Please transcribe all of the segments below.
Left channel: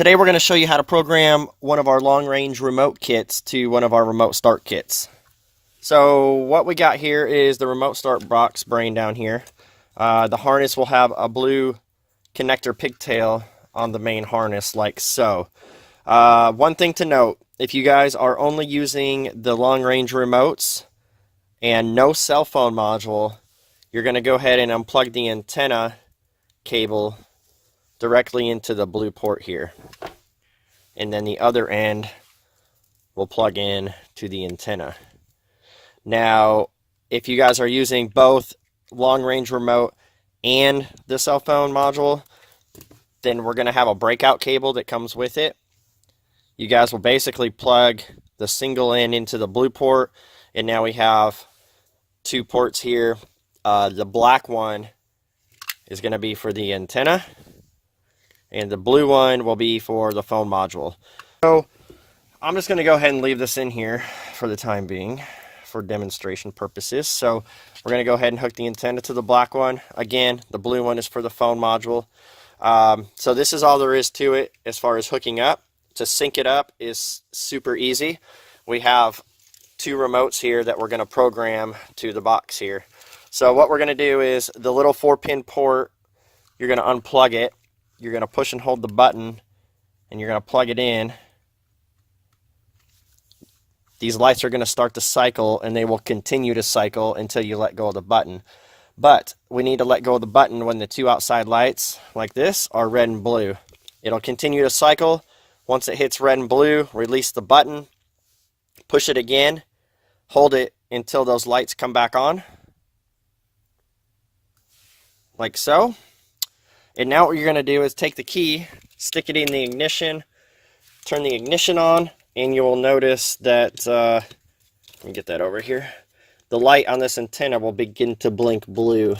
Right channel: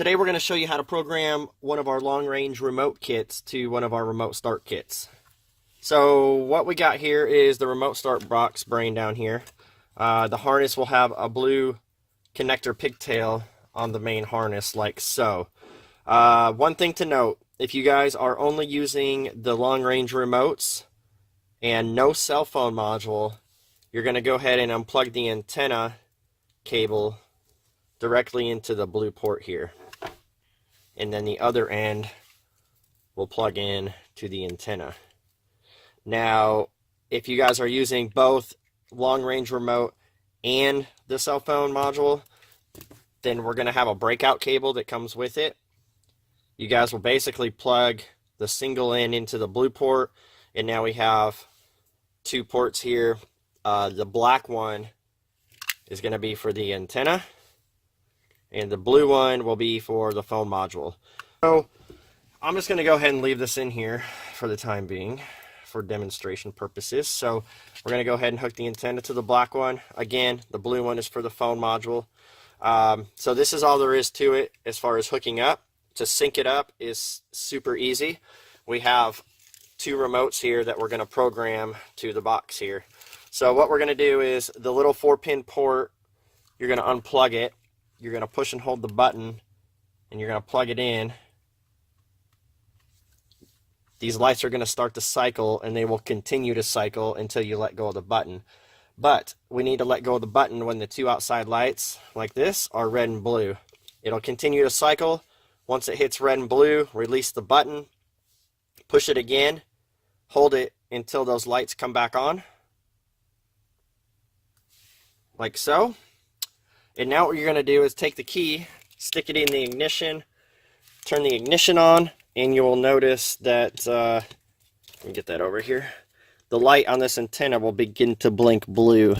Today we're going to show you how to program one of our long-range remote kits to one of our remote start kits. So what we got here is the remote start box brain down here. The harness will have a blue connector pigtail on the main harness like so. One thing to note, if you guys are only using the long-range remotes and no cell phone module, you're going to go ahead and unplug the antenna cable directly into the blue port here. And then the other end will plug in to the antenna. Now, if you guys are using both long-range remote and the cell phone module, then we're going to have a breakout cable that comes with it. You guys will basically plug the single end into the blue port, and now we have two ports here. The black one is going to be for the antenna, and the blue one will be for the phone module. So I'm just going to go ahead and leave this in here for the time being for demonstration purposes. So we're going to go ahead and hook the antenna to the black one. Again, the blue one is for the phone module. So this is all there is to it as far as hooking up. To sync it up is super easy. We have two remotes here that we're going to program to the box here. So what we're going to do is the little 4-pin port, you're going to unplug it. You're going to push and hold the button, and you're going to plug it in. These lights are going to start to cycle, and they will continue to cycle until you let go of the button. But we need to let go of the button when the two outside lights, like this, are red and blue. It'll continue to cycle. Once it hits red and blue, release the button, push it again, hold it until those lights come back on, like so. And now what you're going to do is take the key, stick it in the ignition, turn the ignition on, and you will notice that, let me get that over here, the light on this antenna will begin to blink blue.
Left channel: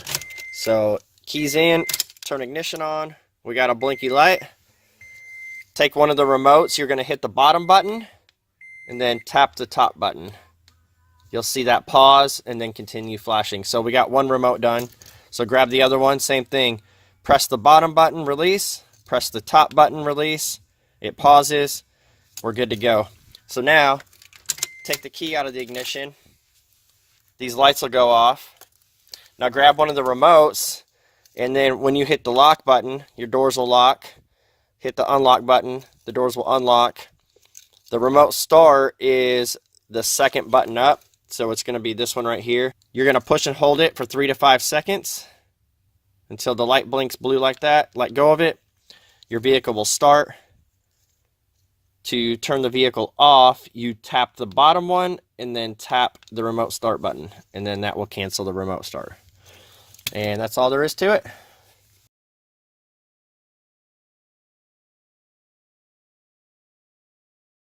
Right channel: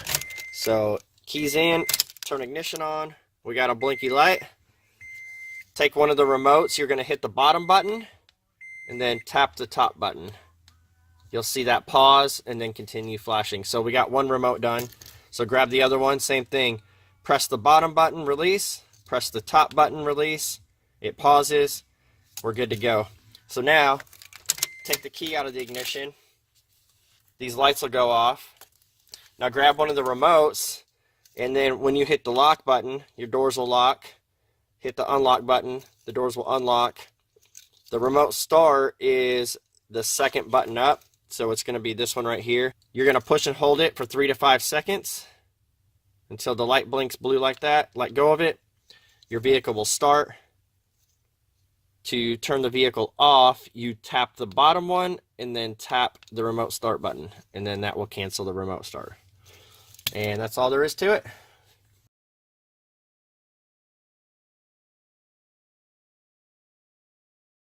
So keys in, turn ignition on, we got a blinky light. Take one of the remotes, you're going to hit the bottom button, and then tap the top button. You'll see that pause, and then continue flashing. So we got one remote done. So grab the other one, same thing. Press the bottom button, release. Press the top button, release. It pauses. We're good to go. So now, take the key out of the ignition. These lights will go off. Now grab one of the remotes, and then when you hit the lock button, your doors will lock. Hit the unlock button, the doors will unlock. The remote start is the second button up, so it's going to be this one right here. You're going to push and hold it for 3 to 5 seconds until the light blinks blue like that. Let go of it. Your vehicle will start. To turn the vehicle off, you tap the bottom one and then tap the remote start button, and then that will cancel the remote start. And that's all there is to it.